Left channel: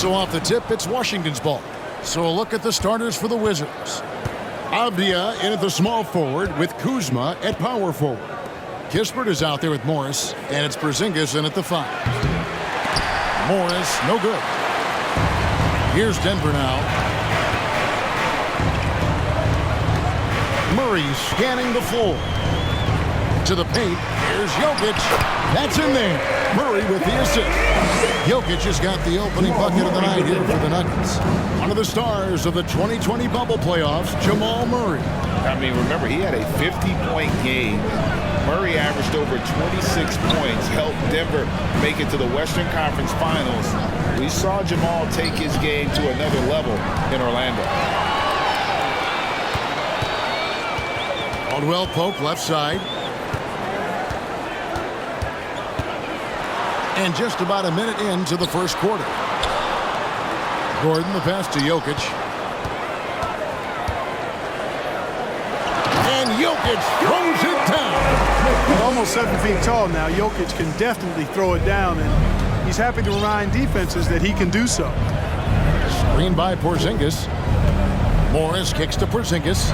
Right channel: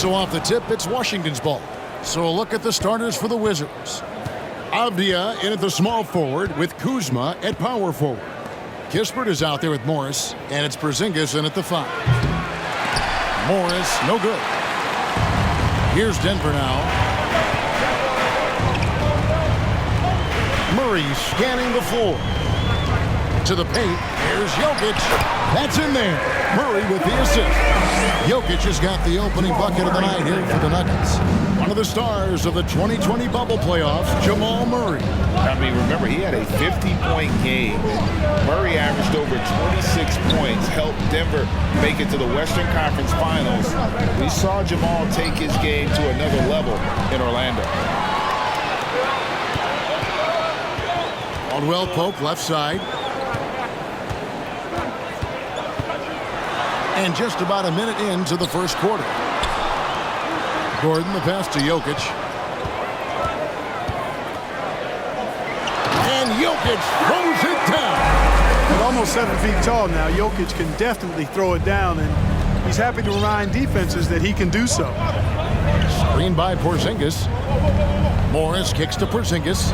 So off the tip, it's Washington's ball. So a look at the starters for the Wizards. Avdia in at the small forward with Kuzma at power forward. Kispert is out there with Morris, and it's Portzingis in at the 5. Morris, no good. Here's Denver now. Murray scanning the floor. To the paint, here's Jokic. That's in there. Murray with the assist. Jokic has got the opening bucket of the night here for the Nuggets. One of the stars of the 2020 bubble playoffs, Jamal Murray. I mean, remember, he had a 50-point game. Murray averaged over 26 points, helped Denver make it to the Western Conference Finals. We saw Jamal take his game to another level in Orlando. Caldwell Pope left side. And just about a minute into the first quarter. Gordon the pass to Jokic. And Jokic throws it down. At almost 7 feet tall now, Jokic can definitely throw it down, and he's happy to remind defenses that he can do so. Screen by Portzingis. Morris kicks to Portzingis.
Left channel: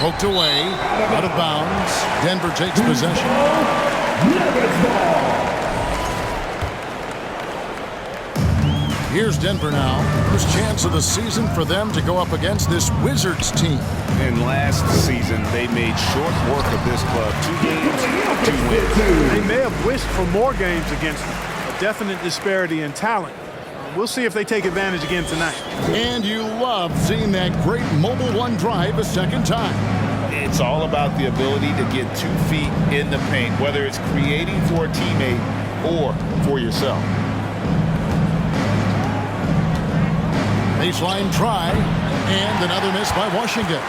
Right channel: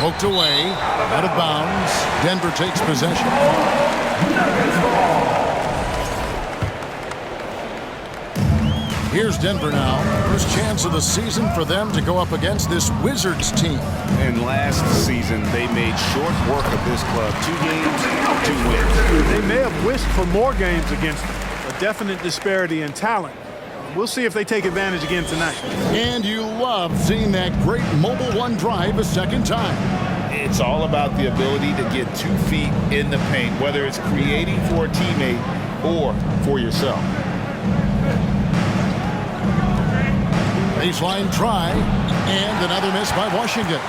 Poked away, out of bounds. Denver takes possession. Here's Denver now. First chance of the season for them to go up against this Wizards team. And last season, they made short work of this club. 2 games, 2 wins. They may have wished for more games against them. A definite disparity in talent. We'll see if they take advantage again tonight. And you love seeing that great mobile one drive a second time. It's all about the ability to get 2 feet in the paint, whether it's creating for a teammate or for yourself. Baseline try, and another miss by Washington.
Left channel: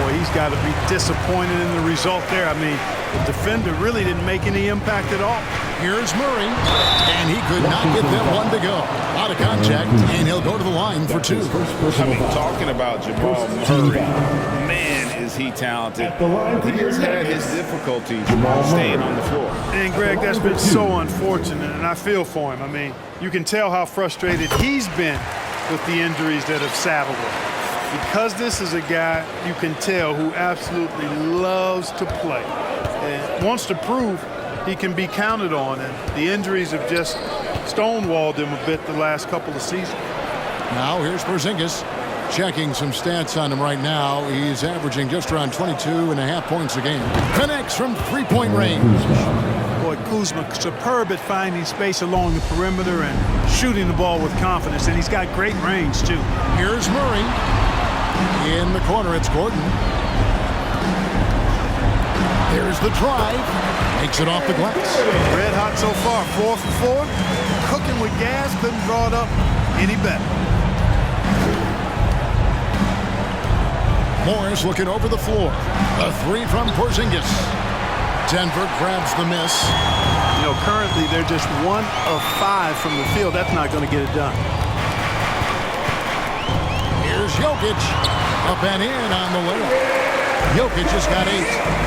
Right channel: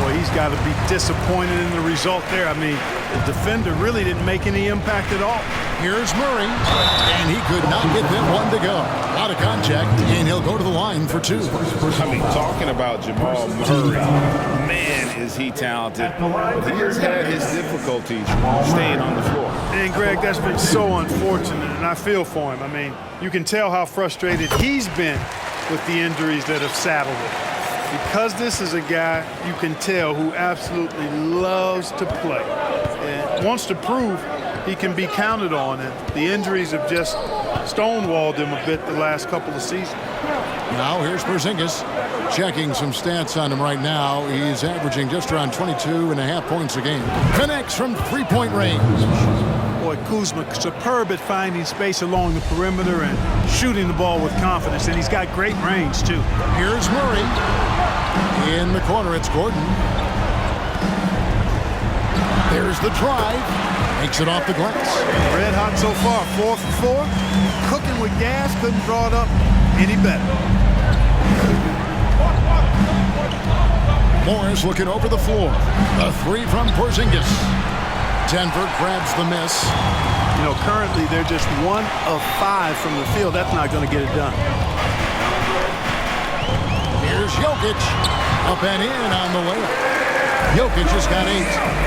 Boy, he's got to be disappointed in the result there. I mean, the defender really didn't make any impact at all. Here's Murray, and he could not get that one to go. A lot of contact, and he'll go to the line for 2. I mean, talking about Jamal Murray, man, is he talented, but he has had his difficulties staying on the floor. And, Greg, that's been so unfortunate, and I feel for him. I mean, you can tell how frustrated he's been with the injuries that have saddled him. Because this is a guy you can tell who absolutely loves to play and wants to prove he can be counted on, and the injuries have just stonewalled him a bit the last couple of seasons. Now here's Portzingis. Checking some stats on him right now. He's averaging just around 22.5 points a game. Connects from 3-point range. Boy, Kuzma superb at finding space along the perimeter and shooting the ball with confidence, and he's got great range too. Here's Murray. In the corner, it's Gordon. There's the drive. Makes it off the glass. Red hot so far, 4 for 4. Cooking with gas, couldn't draw it up any better. Morris looking over the floor. A 3 from Portzingis. Denver grabs the miss. You know, currently they're just 1 of 5 from the field. That's not going to get it done. Here's Jokic. Up and in on the layup. Jokic has got 8.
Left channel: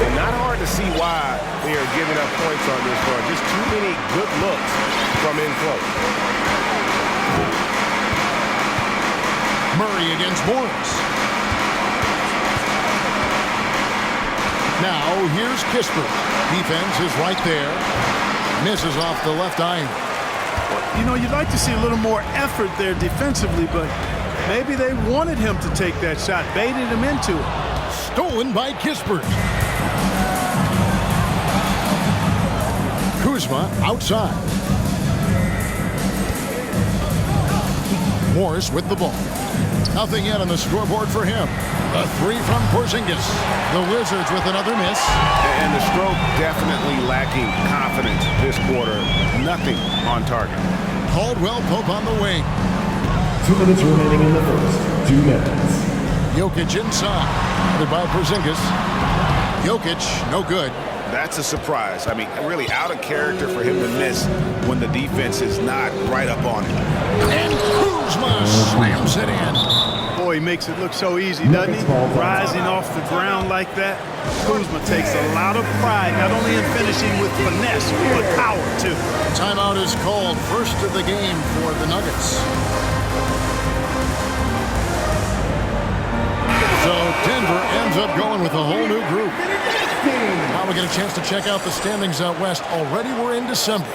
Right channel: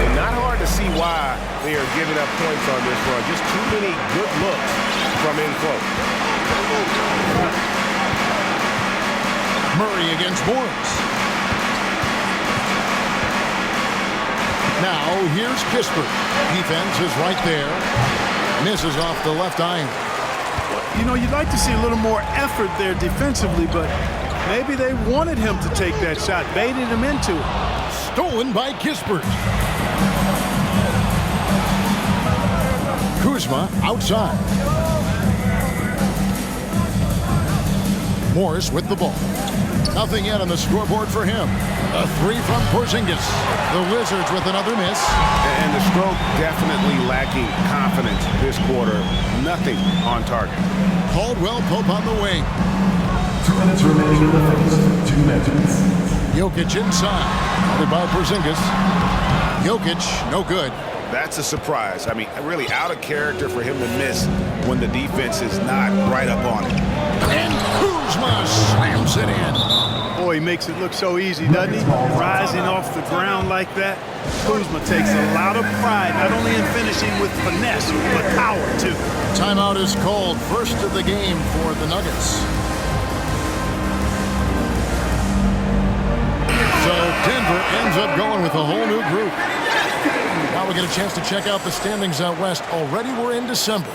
And not hard to see why they are giving up points on this run. Just too many good looks from in close. Murray against Morris. Now here's Kispert. Defense is right there. Misses off the left iron. Well, you know, you'd like to see a little more effort there defensively, but maybe they wanted him to take that shot, baited him into it. Stolen by Kispert. Kuzma outside. Morris with the ball. Nothing yet on the scoreboard for him. A 3 from Portzingis. The Wizards with another miss. And the stroke definitely lacking confidence this quarter. Nothing on target. Caldwell Pope on the wing. 2 minutes remaining in the first. 2 minutes. Jokic inside. Guarded by Portzingis. Jokic, no good. That's a surprise. I mean, really out of character for him to miss when the defense is not right up on it. And Kuzma slams it in. Boy, he makes it look so easy, doesn't he? Rising off the ground like that. Kuzma takes a lot of pride, not only in finishing with finesse, but power, too. Timeout is called. First of the game for the Nuggets. So Denver ends up going with a whole new group. Now we get a chance to check out the standings out west. Already we're in December.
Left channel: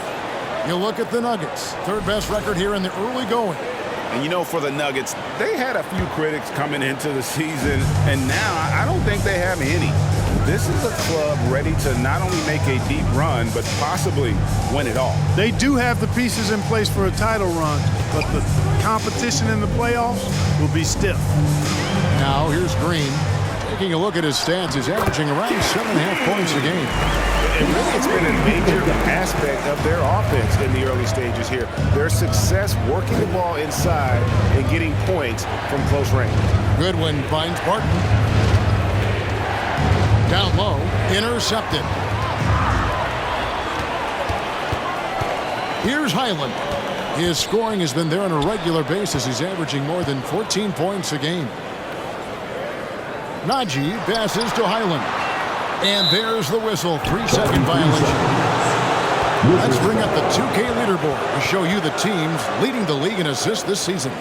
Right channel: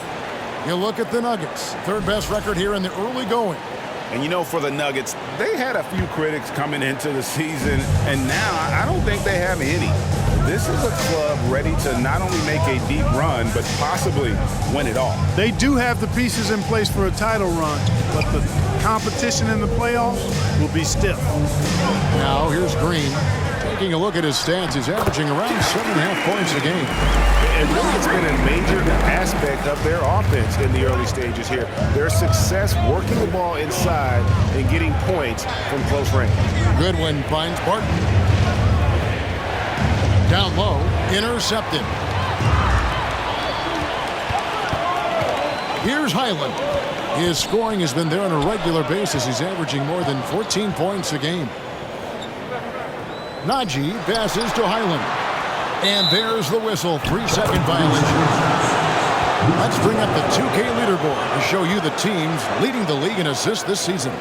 You look at the Nuggets, third best record here in the early going. And you know, for the Nuggets, they had a few critics coming into the season, and now I don't think they have any. This is a club ready to not only make a deep run, but possibly win it all. They do have the pieces in place for a title run, but the competition in the playoffs will be stiff. Now here's Green. Taking a look at his stats, he's averaging around 7.5 points a game. And really, it's been a major aspect of their offense in the early stages here. Their success working the ball inside and getting points from close range. Goodwin finds Barton. Down low, intercepted. Here's Highland. His scoring has been there on a regular basis. He's averaging more than 14 points a game. Najee passes to Highland. And there's the whistle, 3-second violation. Let's bring up the 2K leaderboard to show you the teams leading the league in assists this season.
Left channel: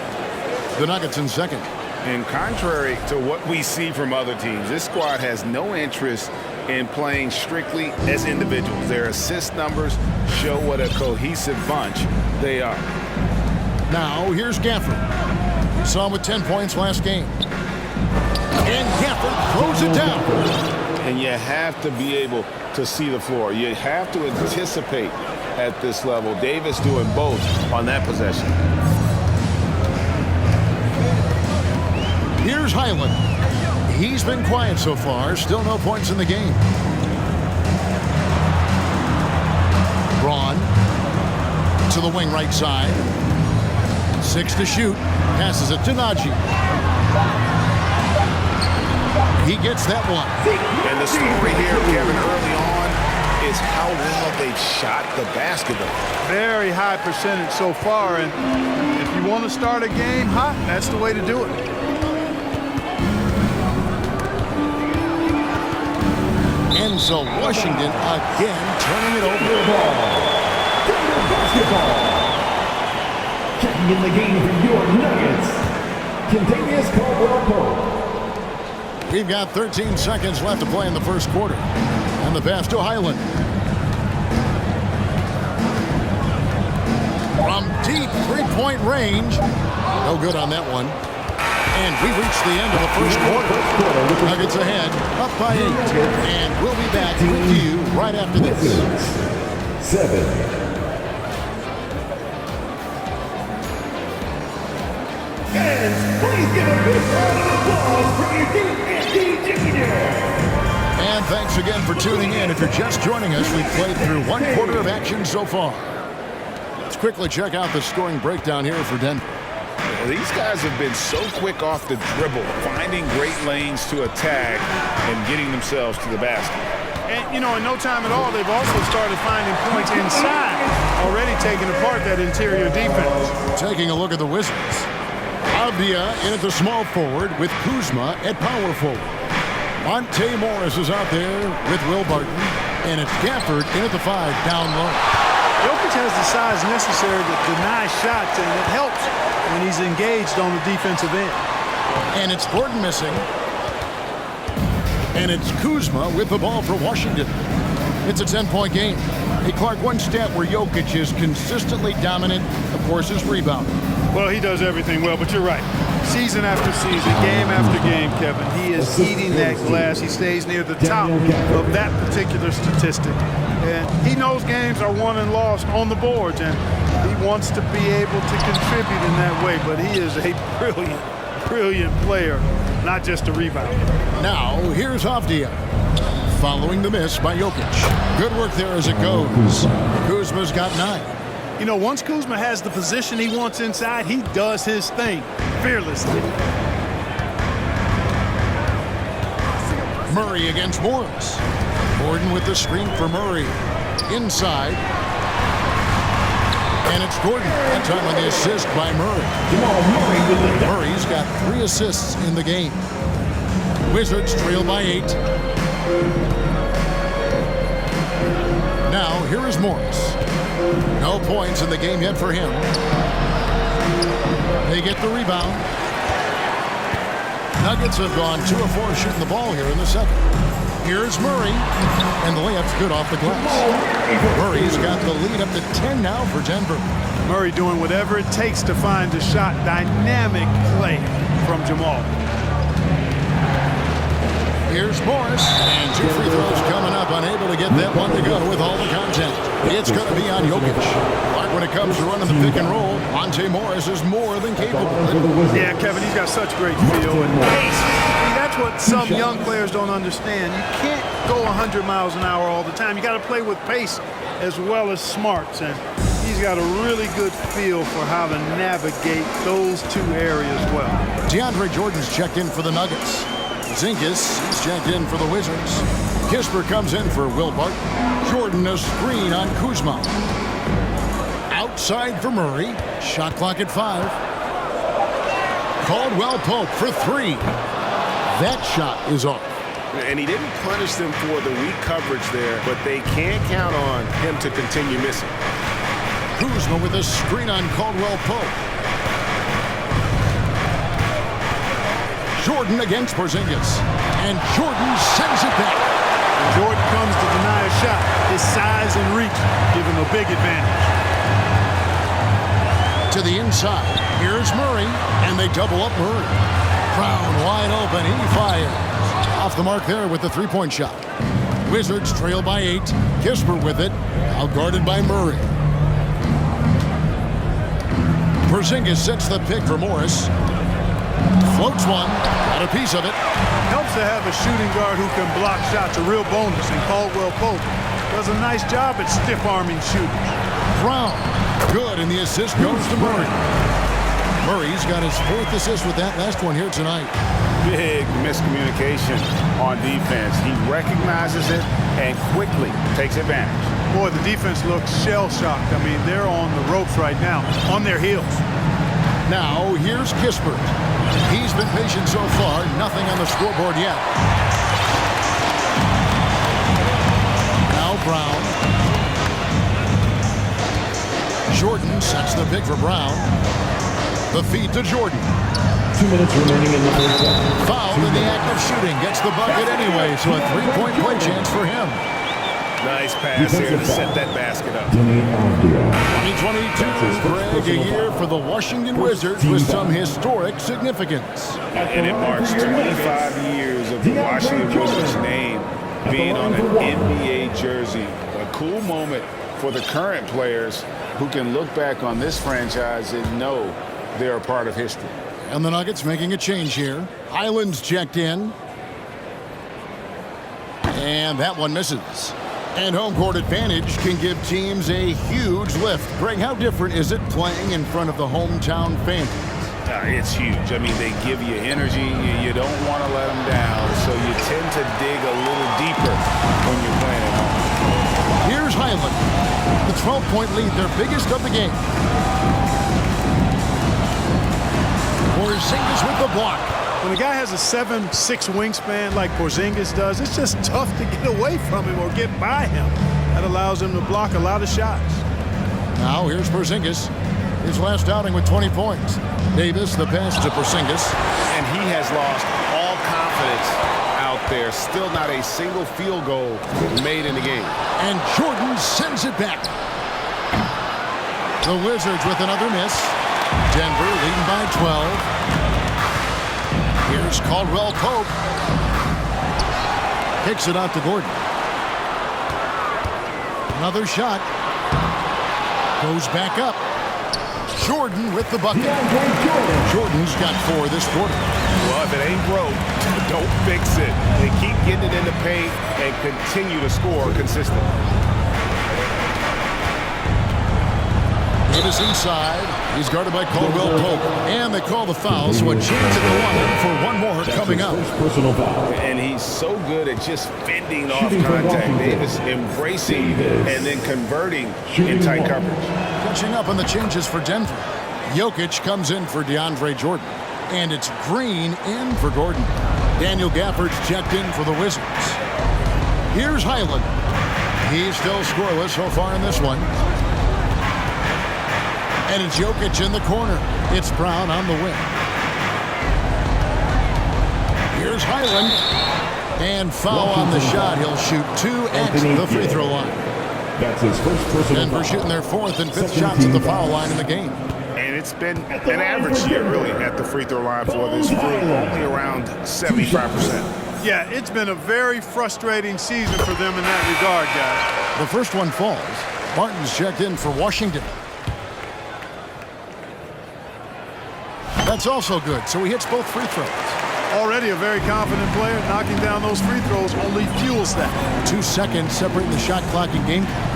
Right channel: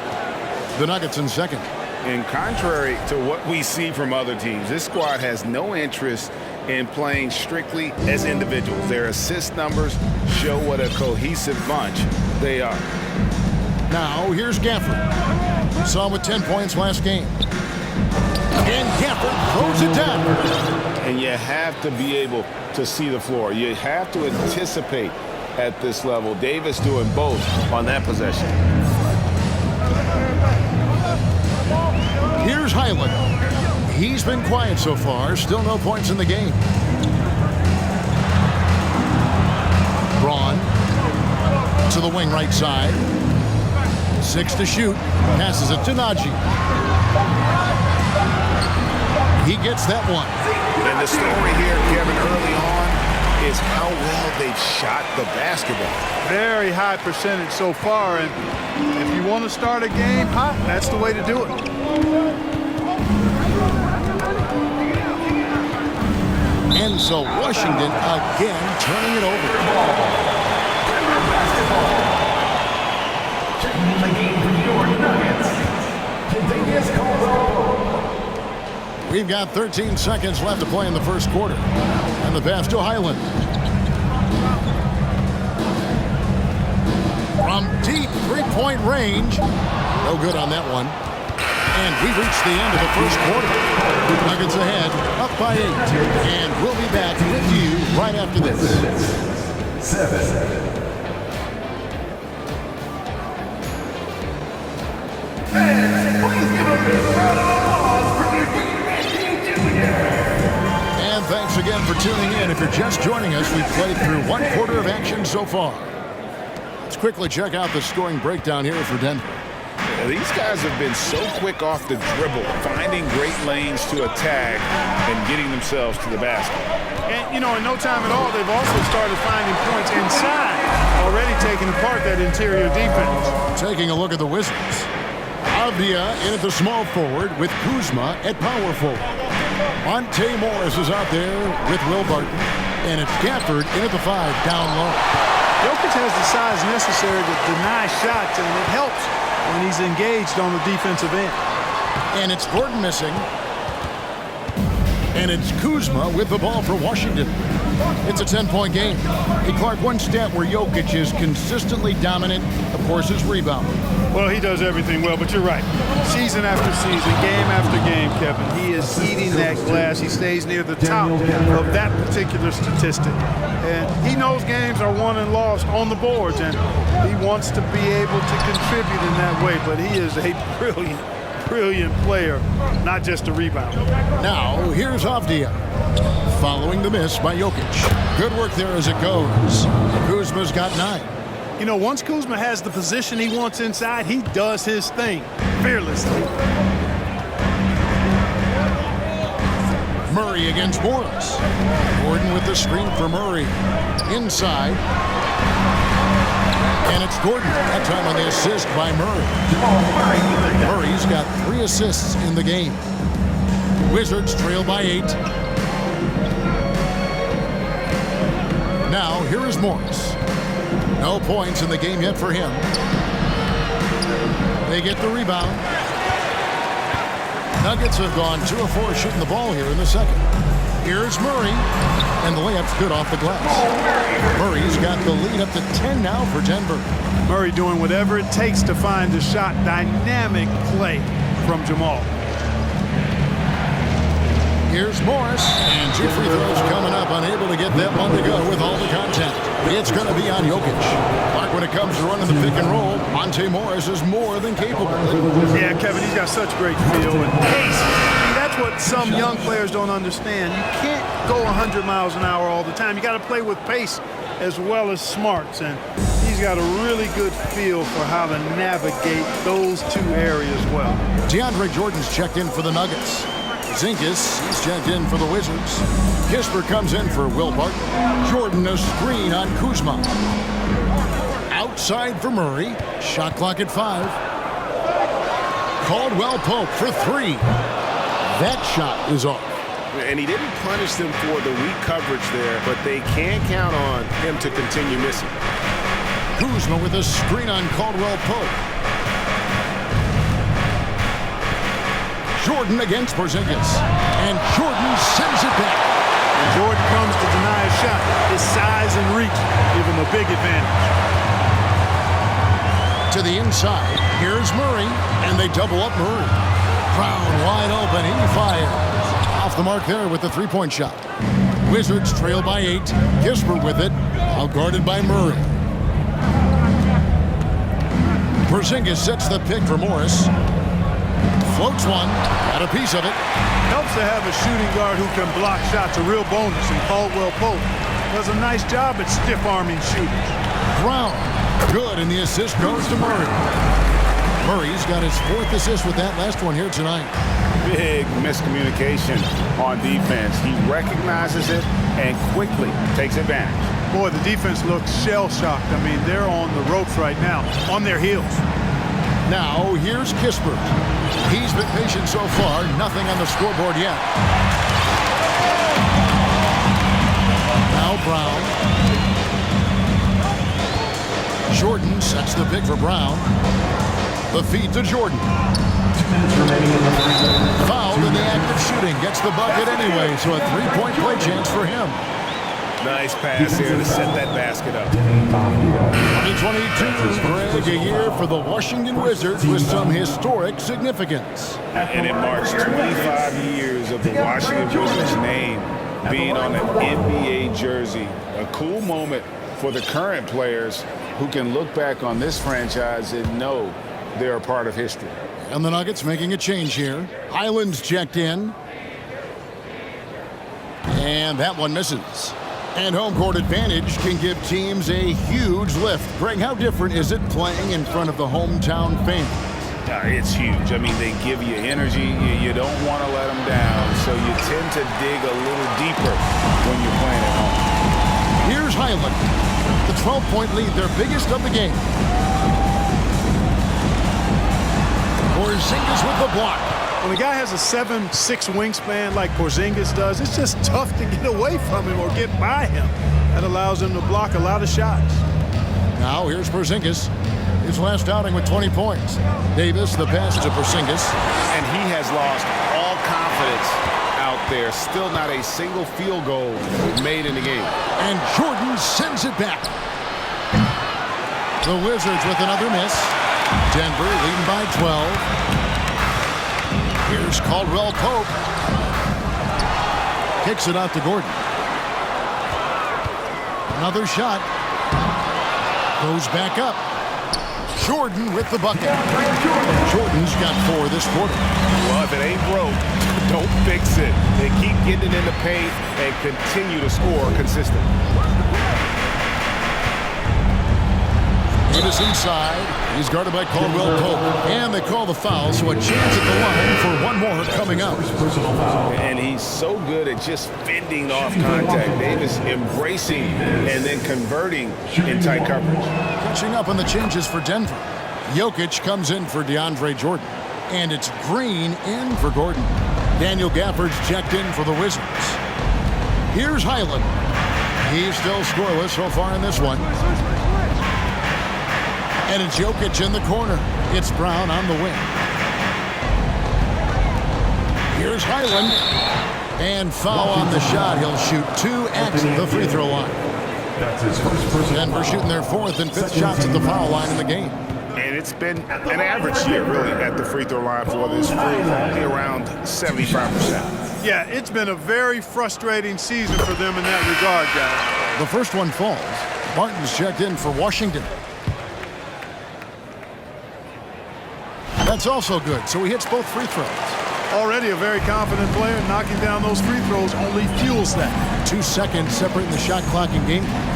The Nuggets in second. And contrary to what we see from other teams, this squad has no interest in playing strictly as individuals. Their assist numbers show what a cohesive bunch they are. Now here's Gafford. We saw him with 10 points last game. And Gafford throws it down. And you have to be able to see the floor. You have to anticipate at this level. Davis doing both on that possession. Here's Highland. He's been quiet so far. Still no points in the game. Braun to the wing right side. 6 to shoot. Passes it to Najee. He gets that one. And the story here, Kevin, early on is how well they've shot the basketball. Very high percentage so far, and if you want to start a game hot, that's the way to do it. And so Washington again turning it over. Denver basketball. Checking in the game for your Nuggets. Contagious Caldwell-Pope. We've got 13 seconds left to play in the first quarter. And the pass to Highland. From deep three-point range. No good on that one. And we've reached the end of the first quarter. Nuggets ahead, up by 8. And we'll be back with you right after this. 7. Please give a big round of applause for your And thanks again for tuning in. If you're just joining us, we've played through one quarter of action so far. Let's quickly check out the scoring breakdown here for Denver. These guys have been so quick off the dribble, finding great lanes to attack and getting themselves to the basket. And, you know, in no time at all, they've also started finding points inside, already taking apart that interior defense. Taking a look at the Wizards. Avdia in at the small forward with Kuzma at power forward. Monte Morris is out there with Will Barton. And it's Gafford in at the 5 down low. Jokic has the size necessary to deny shots, and it helps when he's engaged on the defensive end. And it's Gordon missing. And it's Kuzma with the ball for Washington. It's a 10-point game. Hey, Clark, one stat where Jokic is consistently dominant, of course, is rebounding. Well, he does everything well, but you're right. Season after season, game after game, Kevin, he is eating that glass. He stays near the top of that particular statistic. And he knows games are won and lost on the boards, and he wants to be able to contribute in that way. But he is a brilliant, brilliant player, not just a rebounder. Now, here's Avdia. Following the miss by Jokic. Good work there as it goes. Kuzma's got 9. You know, once Kuzma has the position he wants inside, he does his thing fearlessly. Murray against Morris. Gordon with the screen for Murray. Inside. And it's Gordon. That time on the assist by Murray. Jamal Murray with the Murray's got 3 assists in the game. Wizards trail by 8. Now, here is Morris. No points in the game yet for him. They get the rebound. Nuggets have gone 2 of 4 shooting the ball here in the second. Here's Murray, and the layup's good off the glass. Murray's got the lead up to 10 now for Denver. Murray doing whatever it takes to find a shot. Dynamic play from Jamal. Here's Morris, and 2 free throws coming up, unable to get that one to go with all the contact. It's going to be on Jokic. Clark, when it comes to running the pick and roll, Monte Morris is more than capable. Yeah, Kevin, he's got such great feel and pace. See, that's what some young players don't understand. You can't go 100 miles an hour all the time. You got to play with pace as well as smarts, and he's got a really good feel for how to navigate those 2 areas well. DeAndre Jordan's checked in for the Nuggets. Portzingis, he's checked in for the Wizards. Kispert comes in for Will Barton. Jordan a screen on Kuzma. Outside for Murray. Shot clock at 5. Caldwell Pope for 3. That shot is off. And he didn't punish them for the weak coverage there, but they can't count on him to continue missing. Kuzma with a screen on Caldwell Pope. Jordan against Portzingis. And Jordan sends it back. When Jordan comes to deny a shot, his size and reach give him a big advantage. To the inside, here's Murray, and they double up Murray. Brown wide open, he fires. Off the mark there with the 3-point shot. Wizards trail by 8. Kispert with it, outguarded by Murray. Portzingis sets the pick for Morris. Floats one, got a piece of it. Helps to have a shooting guard who can block shots, a real bonus, and Caldwell Pope does a nice job at stiff-arming shooters. Brown, good, and the assist goes to Murray. Murray's got his 4th assist with that last one here tonight. Big miscommunication on defense. He recognizes it and quickly takes advantage. Boy, the defense looks shell-shocked. I mean, they're on the ropes right now, on their heels. Now, here's Kispert. He's been patient so far, nothing on the scoreboard yet. Now Brown. Jordan sets the pick for Brown. The feed to Jordan. 2 minutes remaining in the first quarter. Fouled in the act of shooting. Gets the bucket anyway, so a 3-point play chance for him. Nice pass here to set that basket up. 2022, Greg, a year for the Washington Wizards with some historic significance. And it marks 25 years of the Washington Wizards name being on an NBA jersey. A cool moment for the current players who can look back on this franchise and know they're a part of history. And the Nuggets making a change here. Highland's checked in. And that one misses. And home court advantage can give teams a huge lift. Greg, how different is it playing in front of the hometown fans? It's huge. I mean, they give you energy. You don't want to let them down, so you tend to dig a little deeper when you're playing at home. Here's Highland. The 12-point lead, their biggest of the game. Portzingis with the block. When a guy has a 7'6" wingspan like Portzingis does, it's just tough to get away from him or get by him. That allows him to block a lot of shots. Now here's Portzingis. His last outing with 20 points. Davis, the pass to Portzingis. And he has lost all confidence out there. Still not a single field goal made in the game. And Jordan sends it back. The Wizards with another miss. Denver leading by 12. Here's Caldwell Pope. Kicks it out to Gordon. Another shot. Goes back up. Jordan with the bucket. Jordan's got 4 this quarter. Well, if it ain't broke, don't fix it. They keep getting it in the paint and continue to score consistently. Davis inside. He's guarded by Caldwell Pope. And they call the foul, so a chance at the line for one more coming up. Personal foul. And he's so good at just fending off contact. Davis embracing and then converting in tight coverage. Catching up on the changes for Denver. Jokic comes in for DeAndre Jordan. And it's Green in for Gordon. Daniel Gafford's checked in for the Wizards. Here's Highland. He's still scoreless so far in this one. And it's Jokic in the corner. It's Brown on the wing. Here's Highland. And foul on the shot. He'll shoot 2 at the free throw line. That's his first personal Denver foul. shooting their 4th and 5th shots at the foul line in the game. And it's been an average year, really, at the free throw line for this group, only around 75%. Yeah, it's been a very frustrating season for them in that regard, guys. The first one falls. Martin's checked in for Washington. That's also good, so he hits both free throws. Already a very confident player. Knocking down those free throws only fuels that. 2 seconds separating the shot clock and game clock.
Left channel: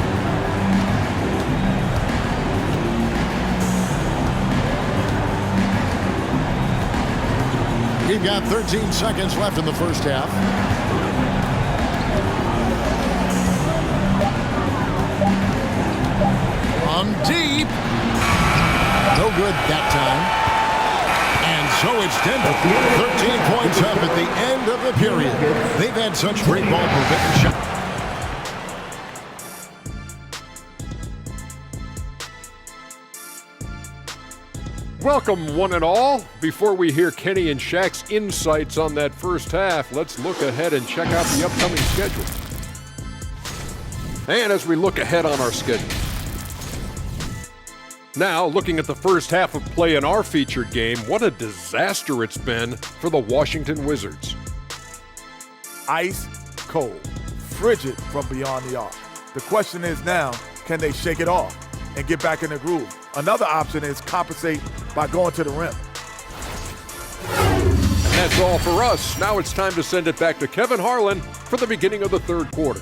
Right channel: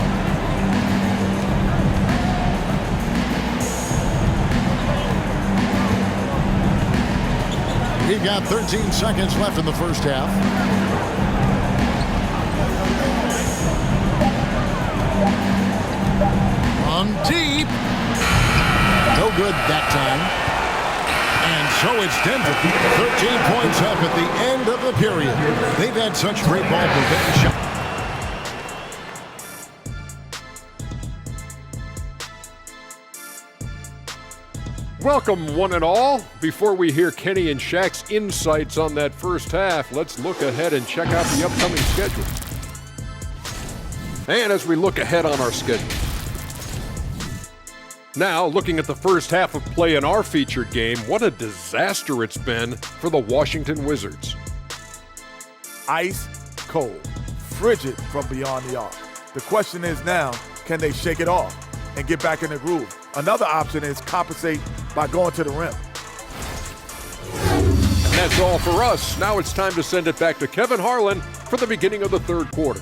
We've got 13 seconds left in the first half. From deep. No good that time. And so it's Denver. 13 points up at the end of the period. They've had such great ball movement and shot. Welcome, one and all. Before we hear Kenny and Shaq's insights on that first half, let's look ahead and check out the upcoming schedule. And as we look ahead on our schedule. Now, looking at the first half of play in our featured game, what a disaster it's been for the Washington Wizards. Ice cold, frigid from beyond the arc. The question is now, can they shake it off and get back in the groove? Another option is compensate by going to the rim. And that's all for us. Now it's time to send it back to Kevin Harlan for the beginning of the third quarter.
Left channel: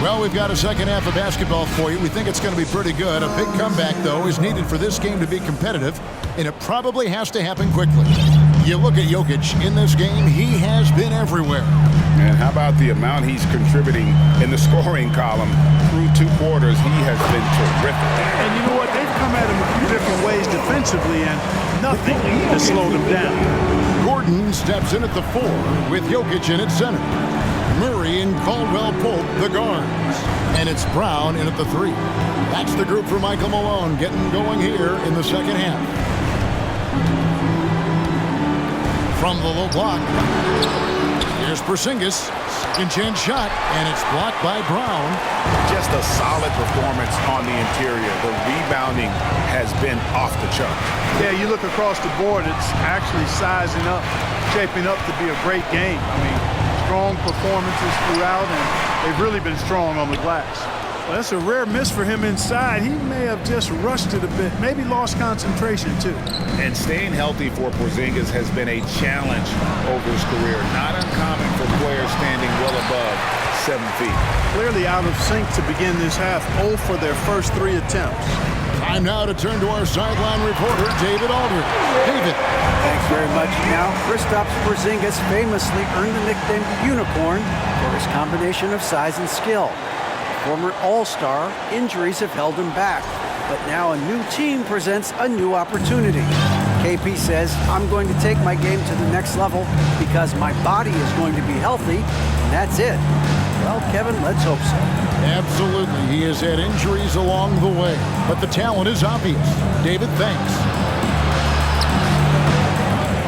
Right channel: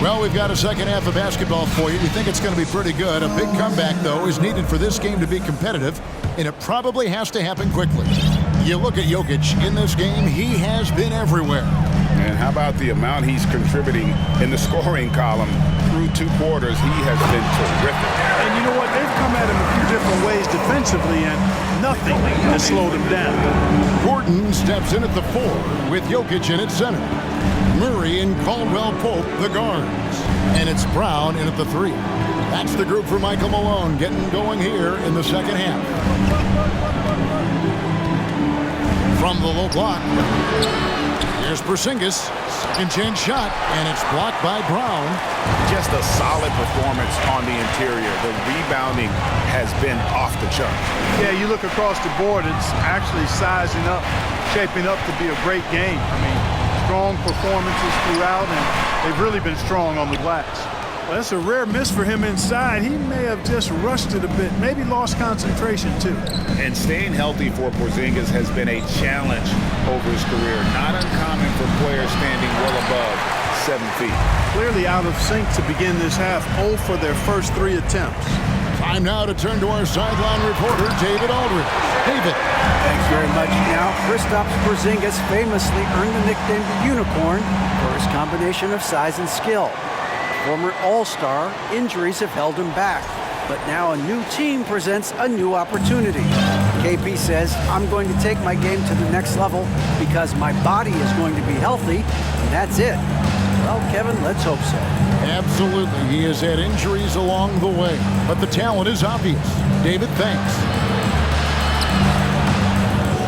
Well, we've got a second half of basketball for you. We think it's going to be pretty good. A big comeback, though, is needed for this game to be competitive, and it probably has to happen quickly. You look at Jokic in this game, he has been everywhere. And how about the amount he's contributing in the scoring column through 2 quarters? He has been terrific. And you know what? They've come at him a few different ways defensively, and nothing has slowed him down. Gordon steps in at the 4 with Jokic in at center. Murray and Caldwell-Pope, the guards. And it's Brown in at the 3. That's the group for Michael Malone getting going here in the second half. From the low block, here's Portzingis. Second chance shot, and it's blocked by Brown. Just a solid performance on the interior. The rebounding has been off the chart. Yeah, you look across the board, it's actually sizing up, shaping up to be a great game. I mean, strong performances throughout, and they've really been strong on the glass. Well, that's a rare miss for him inside. He may have just rushed it a bit, maybe lost concentration too. And staying healthy for Portzingis has been a challenge over his career. Not uncommon for players standing well above 7 feet. Clearly out of sync to begin this half, 0 for their first 3 attempts. Time now to turn to our sideline reporter, David Aldridge. David. Thanks very much. Now, Kristaps Portzingis famously earned the nickname the Unicorn for his combination of size and skill. A former All-Star, injuries have held him back, but now a new team presents a new opportunity. KP says, I'm going to take my game to the next level because my body is going to be healthy, and that's it. Well, Kevin, let's hope so. Absolutely. He has had injuries along the way, but the talent is obvious. David, thanks.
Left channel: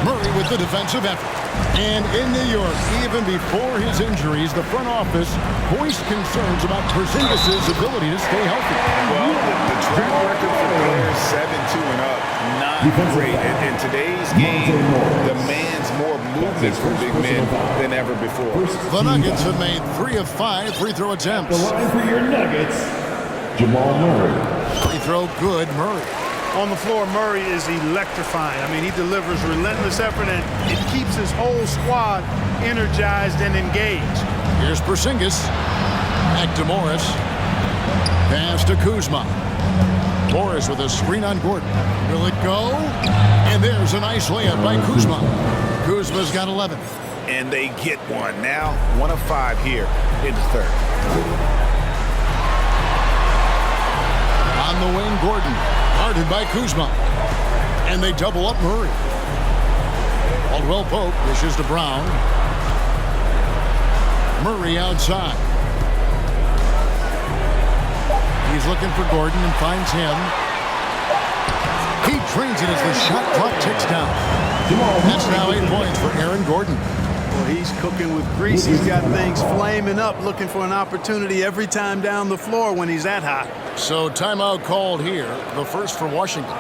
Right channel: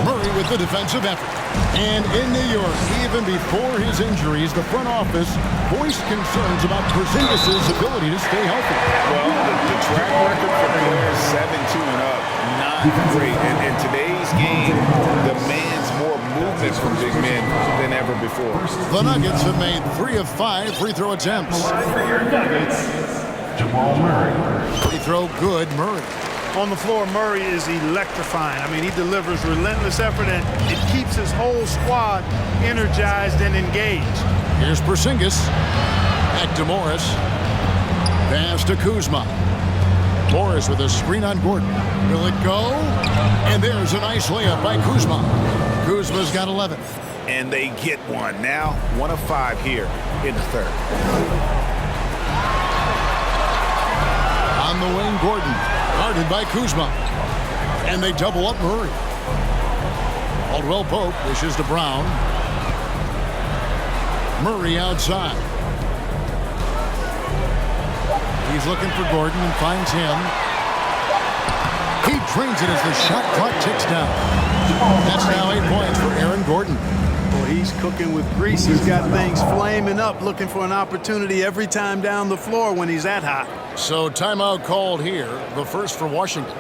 Murray with the defensive effort. And in New York, even before his injuries, the front office voiced concerns about Portzingis' ability to stay healthy. Well, the track record for players 7-2 and up, not great. And today's game demands more movement from big men than ever before. The Nuggets have made 3 of 5 free throw attempts. Line for your Nuggets, Jamal Murray. Free throw good, Murray. On the floor, Murray is electrifying. I mean, he delivers relentless effort, and it keeps his whole squad energized and engaged. Here's Portzingis. Back to Morris. Pass to Kuzma. Morris with a screen on Gordon. Will it go? And there's a nice layup by Kuzma. Kuzma's got 11. And they get one. Now 1 of 5 here in the third. On the wing, Gordon. Guarded by Kuzma. And they double up Murray. Caldwell Pope dishes to Brown. Murray outside. He's looking for Gordon and finds him. He drains it as the shot clock ticks down. That's now 8 points for Aaron Gordon. Well, he's cooking with grease. He's got things flaming up, looking for an opportunity every time down the floor when he's that hot. So timeout called here, the first for Washington.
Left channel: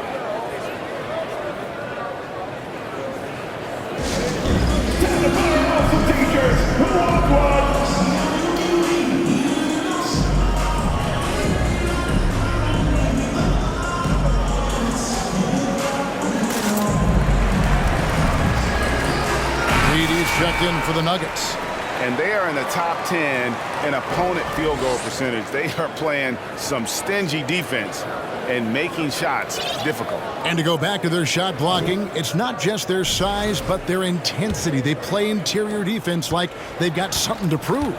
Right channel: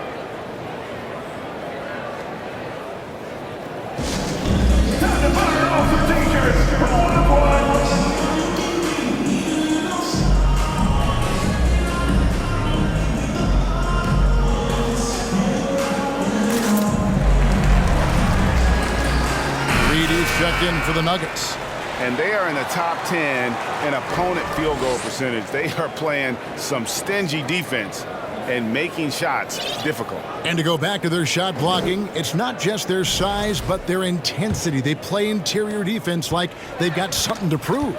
Reedy's checked in for the Nuggets. And they are in the top 10 in opponent field goal percentage. They are playing some stingy defense and making shots difficult. And to go back to their shot blocking, it's not just their size, but their intensity. They play interior defense like they've got something to prove.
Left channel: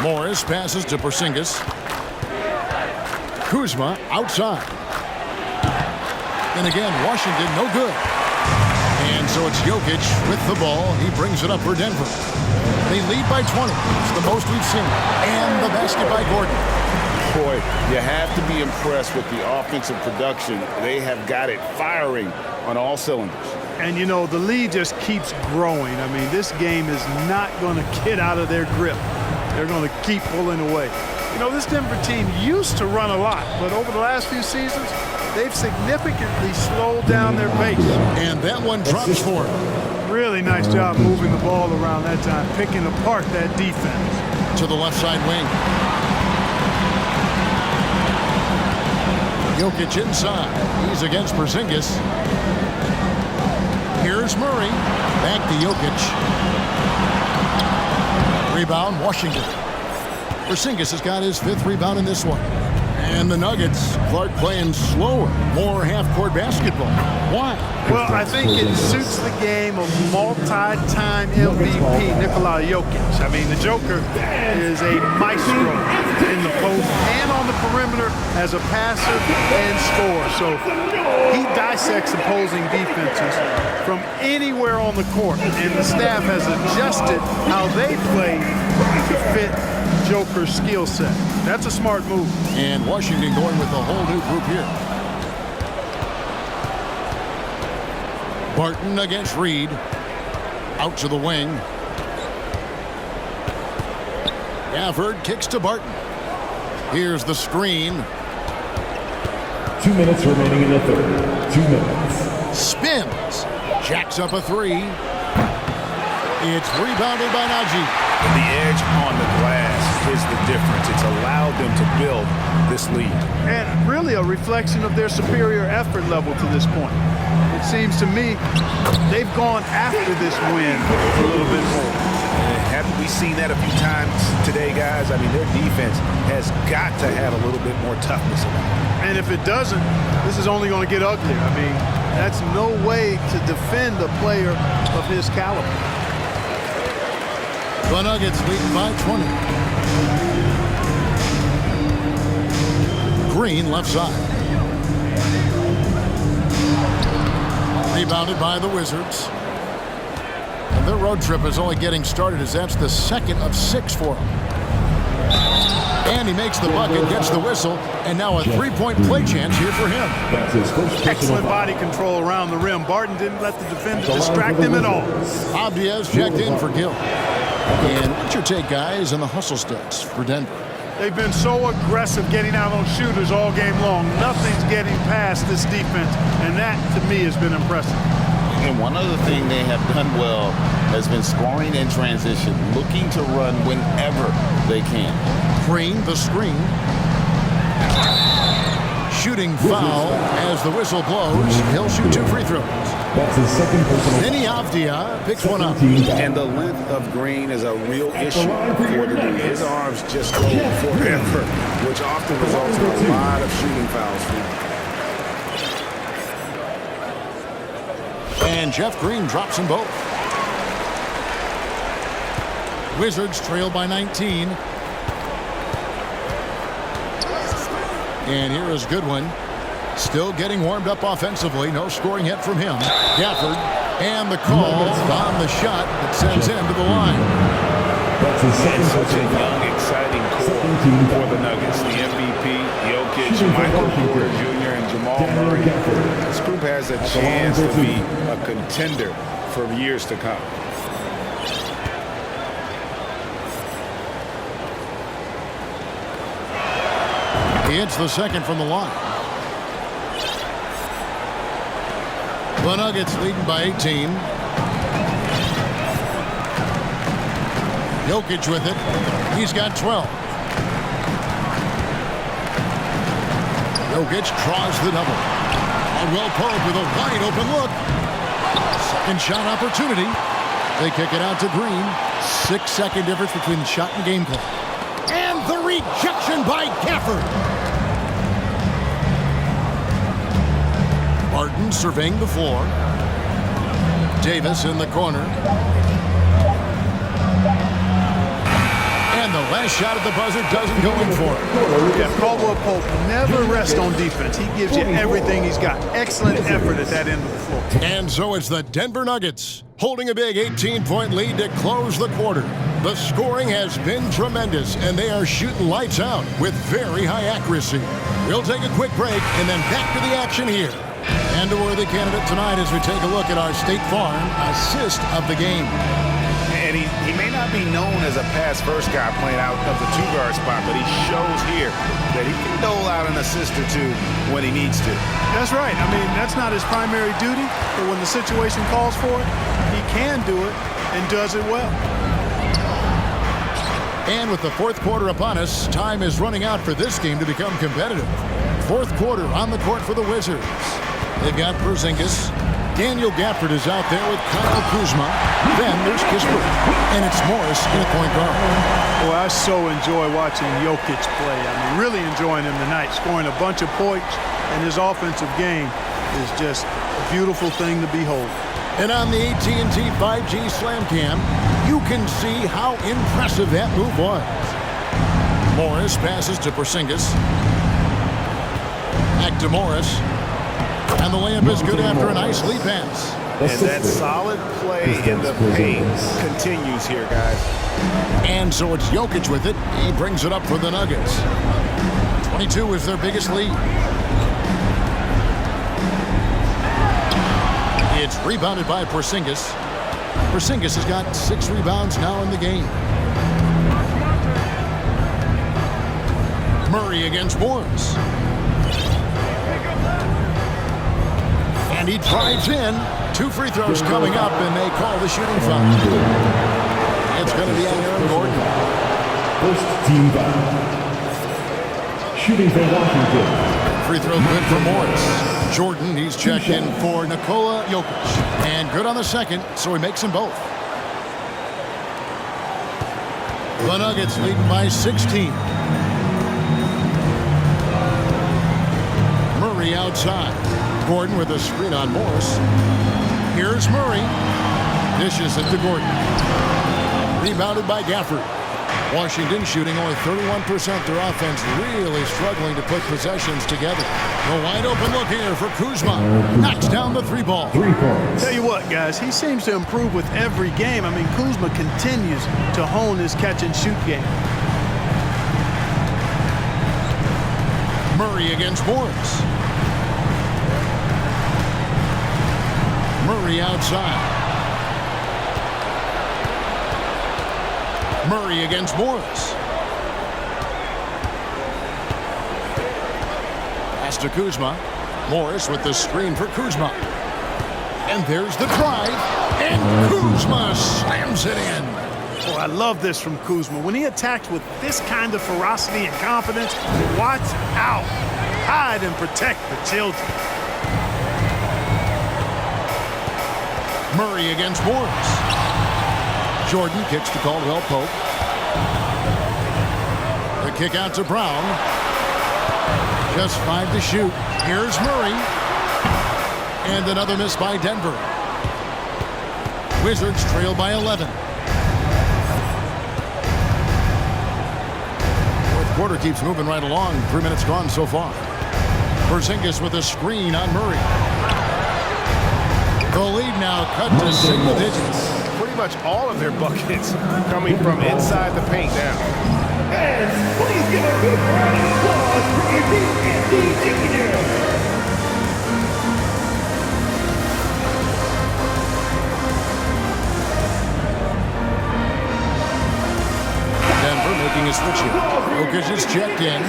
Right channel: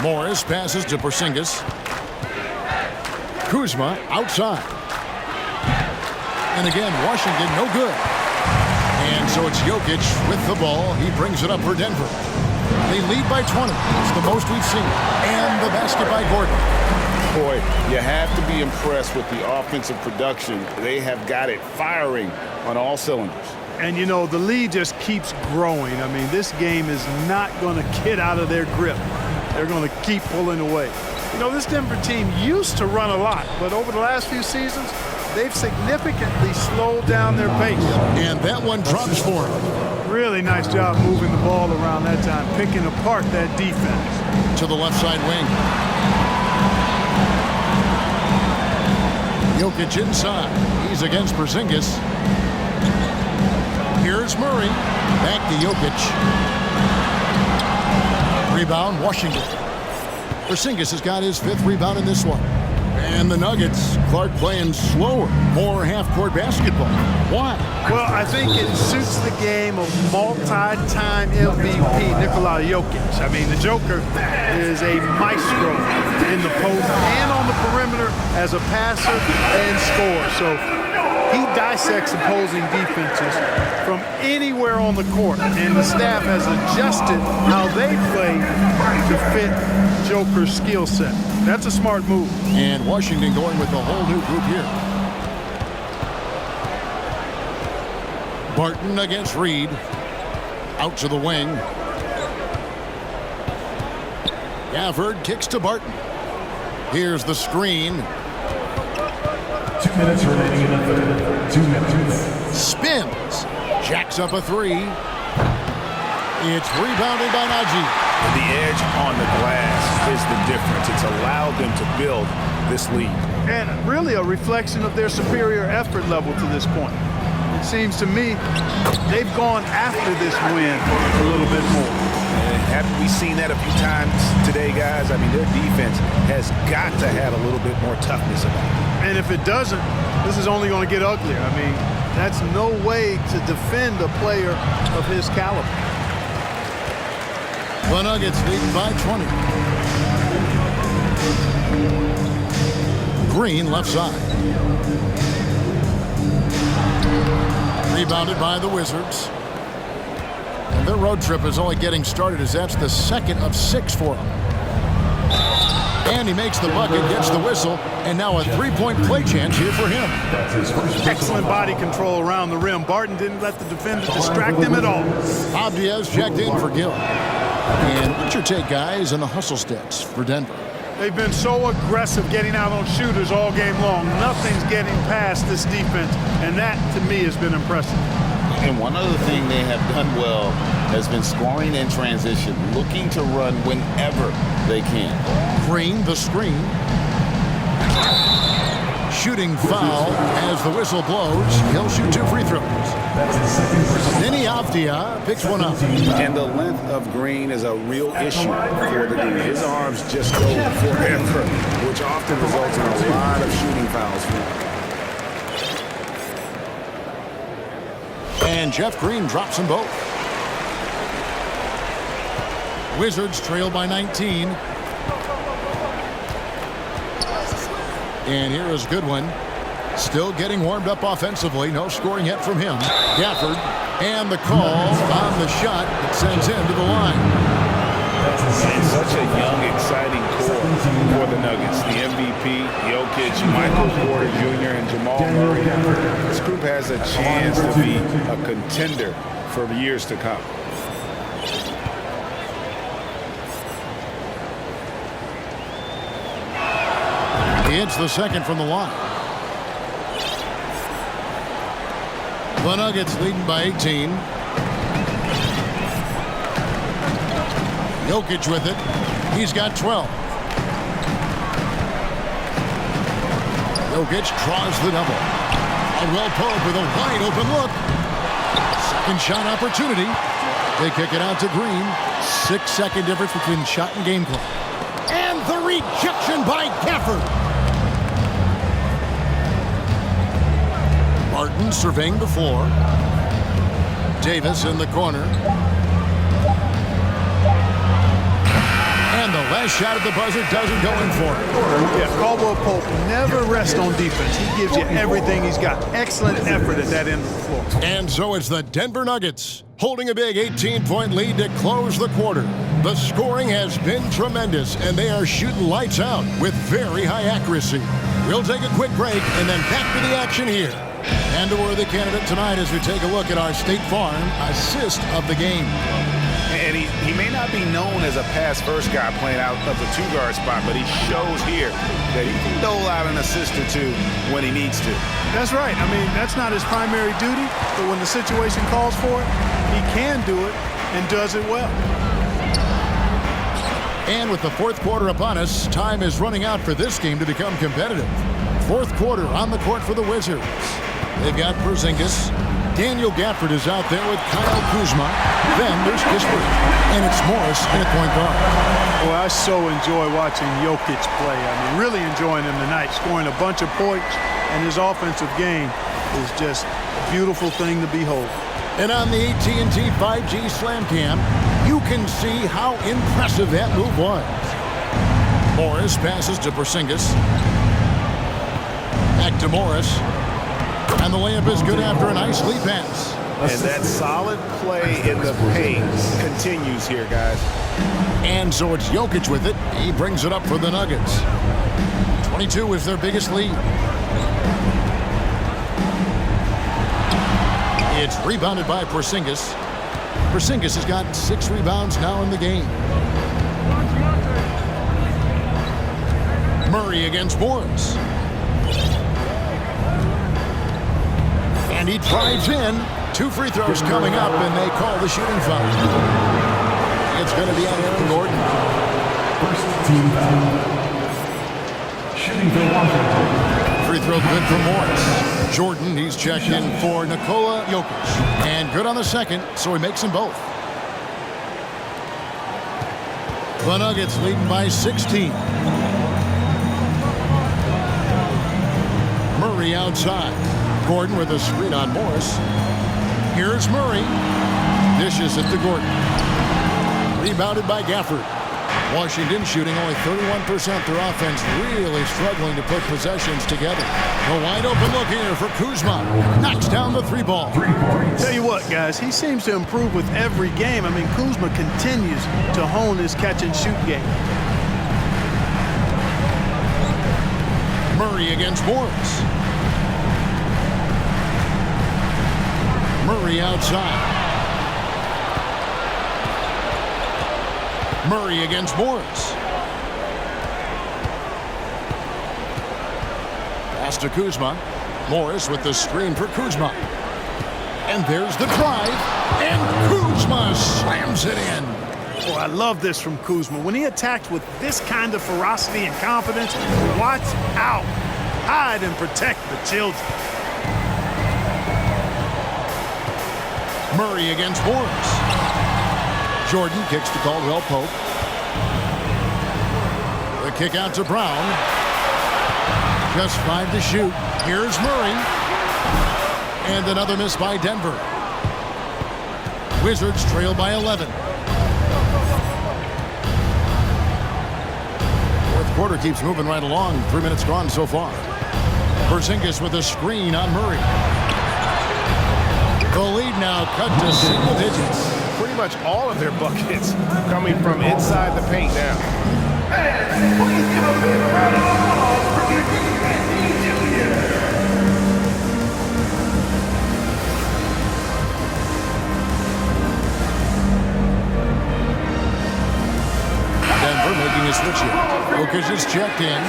Morris passes to Portzingis. Kuzma outside. And again, Washington no good. And so it's Jokic with the ball. He brings it up for Denver. They lead by 20. It's the most we've seen. And the basket by Gordon. Boy, you have to be impressed with the offensive production. They have got it firing on all cylinders. And, you know, the lead just keeps growing. I mean, this game is not going to get out of their grip. They're going to keep pulling away. You know, this Denver team used to run a lot, but over the last few seasons, they've significantly slowed down their pace. And that one drops for him. Really nice job moving the ball around that time, picking apart that defense. To the left side wing. Jokic inside. He's against Portzingis. Here's Murray. Back to Jokic. Rebound, Washington. Portzingis has got his 5th rebound in this one. And the Nuggets, Clark playing slower, more half-court basketball. Why? Well, I think it suits the game of multi-time MVP Nikola Jokic. I mean, the Joker is a maestro in the post and on the perimeter as a passer and scorer. So he dissects opposing defenses from anywhere on the court, and the staff has adjusted how they play to fit Joker's skill set. That's a smart move. And Washington going with a whole new group here. Barton against Reed. Out to the wing. Gafford kicks to Barton. Here's the screen. 2 minutes remaining in the third. 2 minutes. Spins. Jacks up a 3. It's rebounded by Najee. The edge on the glass is the difference. It's allowed them to build this lead. And really a reflection of their superior effort level to this point. It seems to me they've gone after this win a little bit more. And haven't we seen that a few times today, guys? I mean, their defense has got to have a little bit more toughness about it. And if it doesn't, this is only going to get uglier. I mean, that's no way to defend a player of his caliber. The Nuggets leading by 20. Green left side. Rebounded by the Wizards. And their road trip is only getting started as that's the 2nd of 6 for them. And he makes the bucket, gets the whistle, and now a 3-point play chance here for him. That's his first Excellent body control around the rim. Barton didn't let the defender distract him at all. Abdias checked in for Gill. And what's your take, guys, on the hustle stats for Denver? They've been so aggressive getting out on shooters all game long. Nothing's getting past this defense, and that, to me, has been impressive. And one other thing they have done well has been scoring in transition, looking to run whenever they can. Green, the screen. Shooting foul as the whistle blows. He'll shoot 2 free throws. That's his second personal. Denny Avdia picks one up. And the length of Green is a real issue for the D. His arms just go forever, which often results in a lot of shooting fouls for him. And Jeff Green drops them both. Wizards trail by 19. And here is Goodwin. Still getting warmed up offensively. No scoring yet from him. Gafford. And the call on the shot that sends him to the line. And such a young, exciting core for the Nuggets. The MVP, Jokic, Michael Porter Jr., and Jamal Murray. This group has a chance to be a contender for years to come. He hits the second from the line. The Nuggets leading by 18. Jokic with it. He's got 12. Jokic draws the double. Caldwell Pope with a wide open look. Second shot opportunity. They kick it out to Green. 6-second difference between the shot and game clock. And the rejection by Gafford. Martin surveying the floor. Davis in the corner. And the last shot at the buzzer doesn't go in for it. Yeah, Caldwell Pope never rests on defense. He gives you everything. He's got excellent effort at that end of the floor. And so it's the Denver Nuggets holding a big 18-point lead to close the quarter. The scoring has been tremendous, and they are shooting lights out with very high accuracy. We'll take a quick break and then back to the action here. And a worthy candidate tonight as we take a look at our State Farm assist of the game. And he may not be known as a pass-first guy playing out of the two-guard spot, but he shows here that he can dole out an assist or two when he needs to. That's right. I mean, that's not his primary duty, but when the situation calls for it, he can do it and does it well. And with the fourth quarter upon us, time is running out for this game to become competitive. Fourth quarter on the court for the Wizards. They've got Portzingis. Daniel Gafford is out there with Kyle Kuzma. Then there's Kispert. And it's Morris in at point guard. Well, I so enjoy watching Jokic play. I mean, really enjoying him tonight, scoring a bunch of points, and his offensive game is just a beautiful thing to behold. And on the AT&T 5G Slam Cam, you can see how impressive that move was. Morris passes to Portzingis. Back to Morris. And the layup is good after a nice lead pass. And that solid play in the paint continues here, guys. And so it's Jokic with it. He brings it up for the Nuggets. 22 is their biggest lead. It's rebounded by Portzingis. Portzingis has got 6 rebounds now in the game. Murray against Morris. And he drives in. 2 free throws coming up, and they call the shooting foul. It's going to be on Aaron Gordon. First team foul. Shooting for Washington. Free throw good for Morris. Jordan, he's checked in for Nikola Jokic. And good on the second, so he makes them both. The Nuggets leading by 16. Murray outside. Gordon with a screen on Morris. Here's Murray. Dishes it to Gordon. Rebounded by Gafford. Washington shooting only 31%. Their offense really struggling to put possessions together. A wide open look here for Kuzma. Knocks down the 3 ball. 3 points. Tell you what, guys, he seems to improve with every game. I mean, Kuzma continues to hone his catch-and-shoot game. Murray against Morris. Murray outside. Murray against Morris. Pass to Kuzma. Morris with the screen for Kuzma. And there's the drive. And Kuzma slams it in. Oh, I love this from Kuzma. When he attacks with this kind of ferocity and confidence, watch out. Hide and protect the children. Murray against Morris. Jordan kicks to Caldwell Pope. The kick out to Brown. Just 5 to shoot. Here's Murray. And another miss by Denver. Wizards trail by 11. Fourth quarter keeps moving right along. 3 minutes gone so far. Portzingis with a screen on Murray. The lead now cut to single digits. Pretty much all of their buckets coming from inside the paint now. And please give a big round of applause for Andy Jr. Denver making a switch here. Jokic is checked in.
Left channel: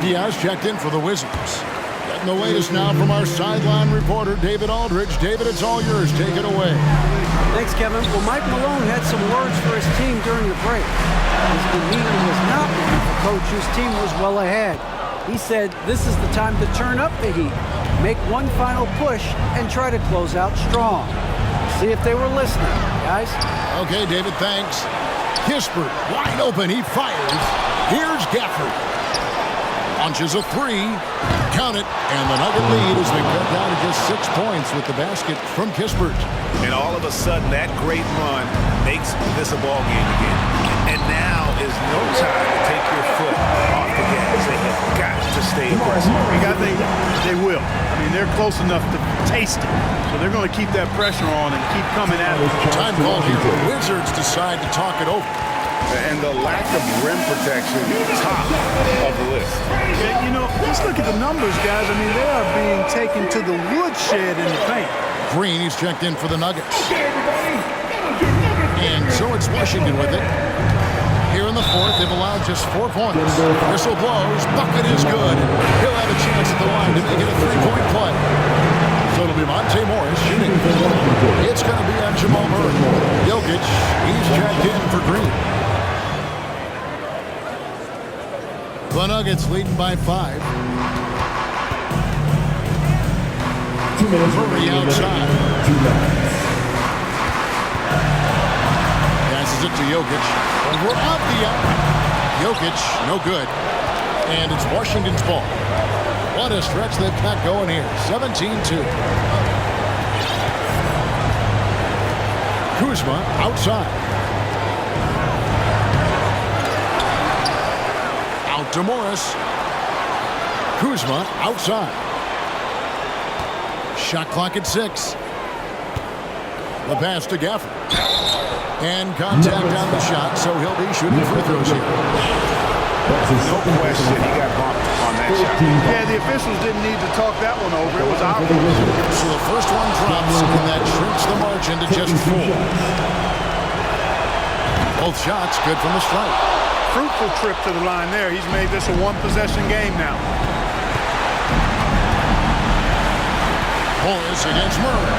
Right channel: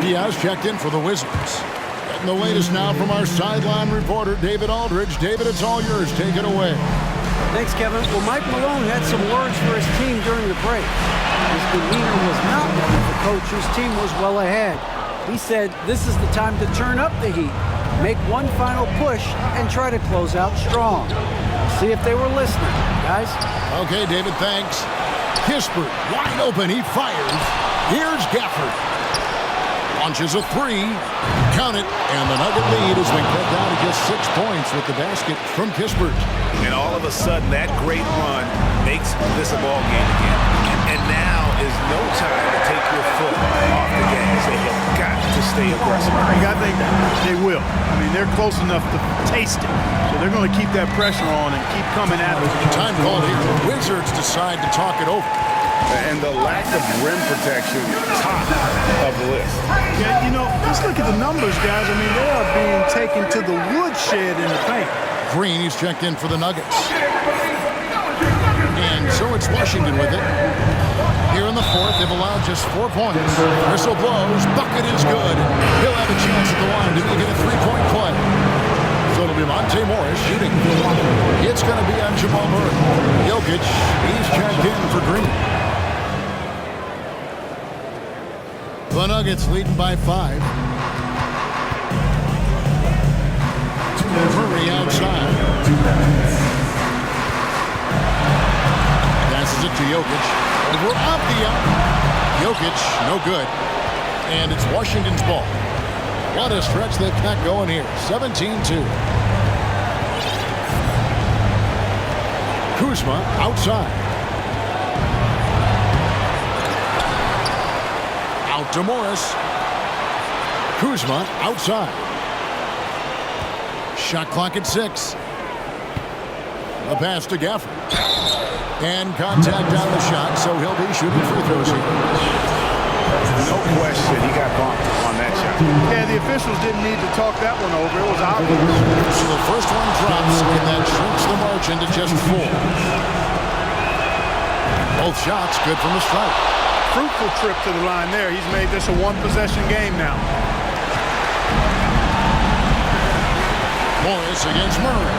Diaz checked in for the Wizards. Getting the latest now from our sideline reporter, David Aldridge. David, it's all yours. Take it away. Thanks, Kevin. Well, Mike Malone had some words for his team during the break. His demeanor was not one of a coach whose team was well ahead. He said this is the time to turn up the heat, make one final push, and try to close out strong. We'll see if they were listening, guys. Okay, David, thanks. Kispert, wide open, he fires. Here's Gafford. Launches a three. Count it, and the Nugget lead has been cut down to just 6 points with the basket from Kispert. And all of a sudden, that great run makes this a ball game again. And now is no time to take your foot off the gas. They have got to stay aggressive. I think they will. I mean, they're close enough to taste it. So they're going to keep that pressure on and keep coming at it. Time called here. The Wizards decide to talk it over. And the lack of rim protection, top of the list. Yeah, you know, just look at the numbers, guys. I mean, they are being taken to the woodshed in the paint. Green, he's checked in for the Nuggets. And so it's Washington with it. Here in the fourth, they've allowed just 4 points. Whistle blows, bucket is good. He'll have a chance at the line to make it a three-point play. So it'll be Monte Morris shooting. It's going to be on Jamal Murray. Jokic, he's checked in for Green. The Nuggets leading by 5. Murray outside. Passes it to Jokic. Over Avdia. Jokic, no good. And it's Washington's ball. What a stretch they've got going here. 17-2. Kuzma outside. Out to Morris. Kuzma outside. Shot clock at 6. The pass to Gafford. And contact on the shot, so he'll be shooting free throws here. No question, he got bumped on that shot. Yeah, the officials didn't need to talk that one over. It was obvious. So the first one drops, and that shrinks the margin to just 4. Both shots good from the stripe. Fruitful trip to the line there. He's made this a one-possession game now. Morris against Murray.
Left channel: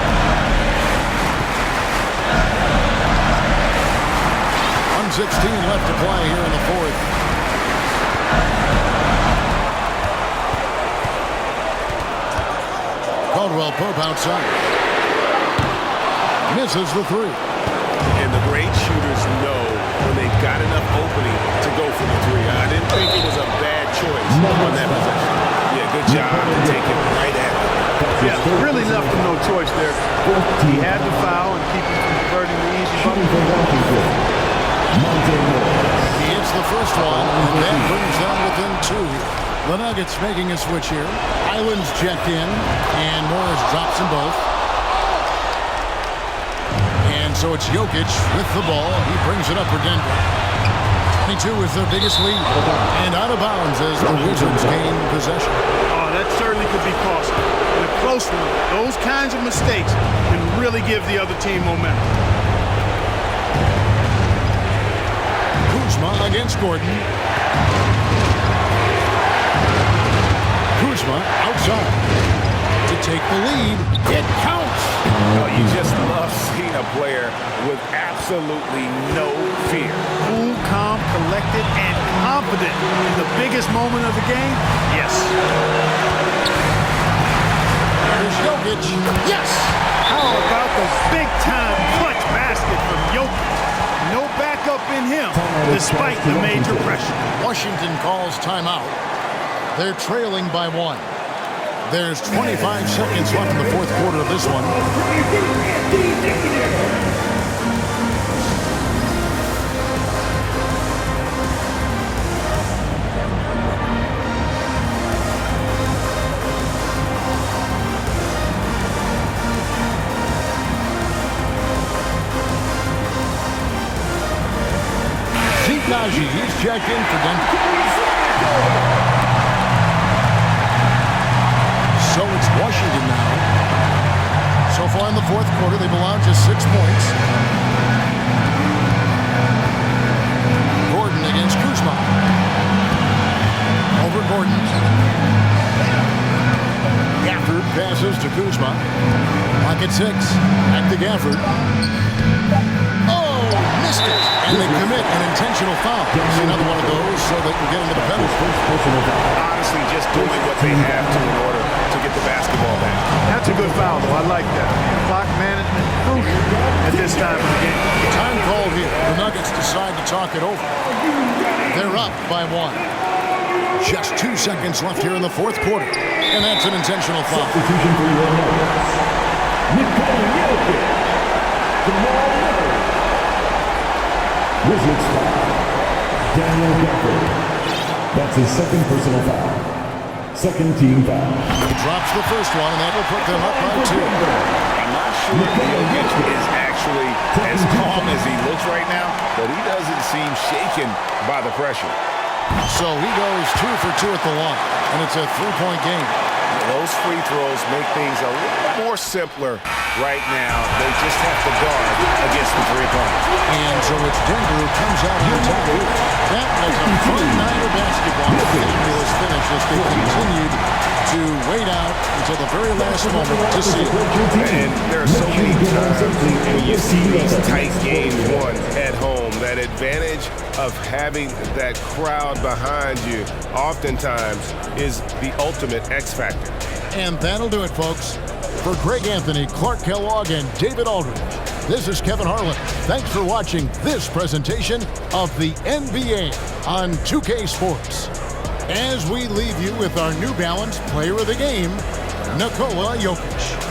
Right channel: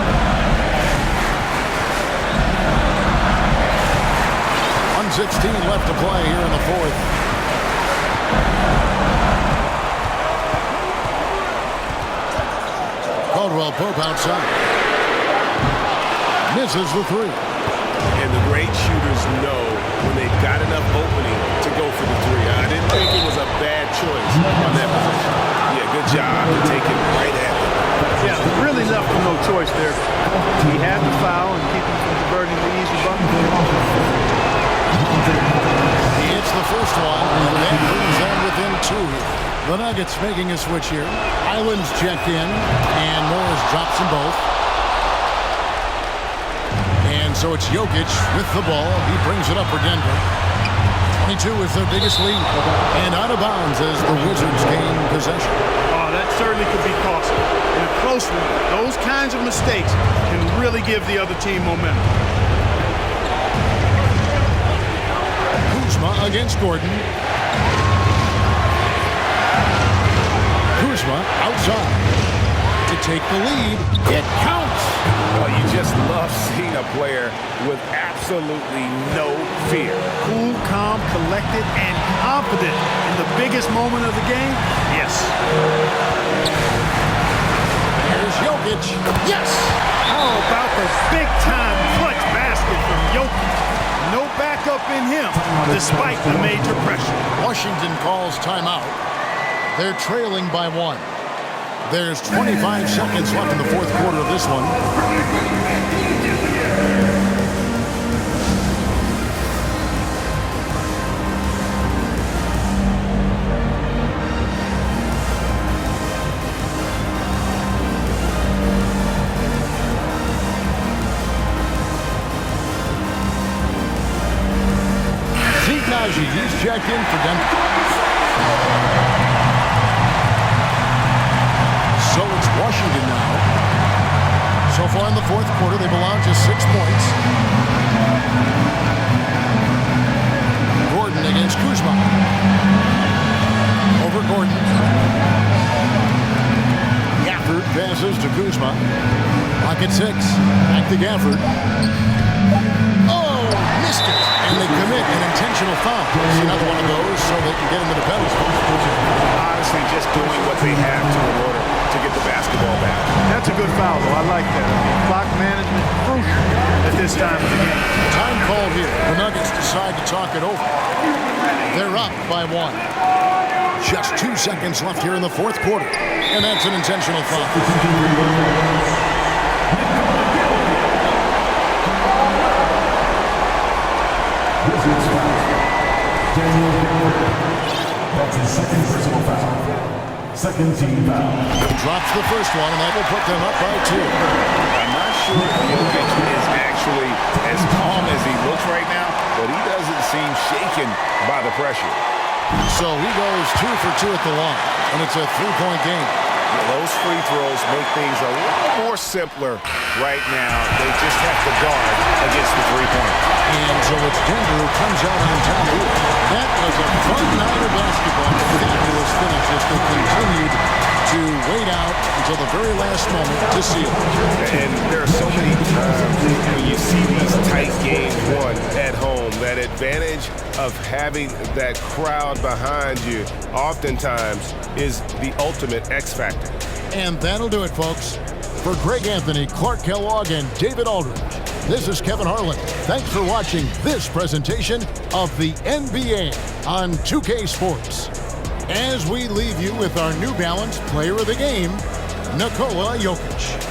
1:16 left to play here in the fourth. Caldwell Pope outside. Misses the 3. And the great shooters know when they've got enough opening to go for the 3. I didn't think it was a bad choice on that possession. Yeah, good job to take it right after them. Yeah, really left him no choice there. He had to foul and keep him from diverting the easy bucket. He hits the first one, and that brings them within 2 here. The Nuggets making a switch here. Island's checked in, and Morris drops them both. And so it's Jokic with the ball. He brings it up for Denver. 22 is their biggest lead. And out of bounds as the Wizards gain possession. Oh, that certainly could be costly. In a close one, those kinds of mistakes can really give the other team momentum. Kuzma against Gordon. Kuzma outside to take the lead. It counts. Oh, you just love seeing a player with absolutely no fear. Cool, calm, collected, and confident in the biggest moment of the game? Yes. Here's Jokic. Yes! How about the big-time clutch basket from Jokic? No backup in him, despite the major pressure. Washington calls timeout. They're trailing by 1. There's 25 seconds left in the fourth quarter of this one. Agbaji, he's checked in for Denver. So it's Washington now. So far in the fourth quarter, they've allowed just 6 points. Gordon against Kuzma. Over Gordon. Gafford passes to Kuzma. Lock at 6. Back to Gafford. Oh, missed it. And they commit an intentional foul. See another one of those so they can get into the penalty. Honestly, just doing what they have to in order to get the basketball back. That's a good foul, though. I like that. I mean, clock management crucial at this time of the game. Time called here. The Nuggets decide to talk it over. They're up by 1. Just 2 seconds left here in the fourth quarter. And that's an intentional foul. Substitution for your Nuggets. Nikola Jokic. Jamal Murray. Wizards foul. Daniel Gafford. That's his second personal foul. Second team foul. He drops the first one, and that will put them up by 2. I'm not sure if Jokic is actually as calm as he looks right now, but he doesn't seem shaken by the pressure. So he goes 2 for 2 at the line, and it's a 3-point game. Yeah, those free throws make things a little more simpler right now. They just have to guard against the three-point. And so it's Denver who comes out on top here. That was a fun night of basketball. Fabulous finish as they continued to wait out until the very last moment to seal. And there are so many times when you see these tight games won at home, that advantage of having that crowd behind you oftentimes is the ultimate X factor. And that'll do it, folks. For Greg Anthony, Clark Kellogg, and David Aldridge, this is Kevin Harlan. Thanks for watching this presentation of the NBA on 2K Sports. As we leave you with our New Balance Player of the Game, Nikola Jokic.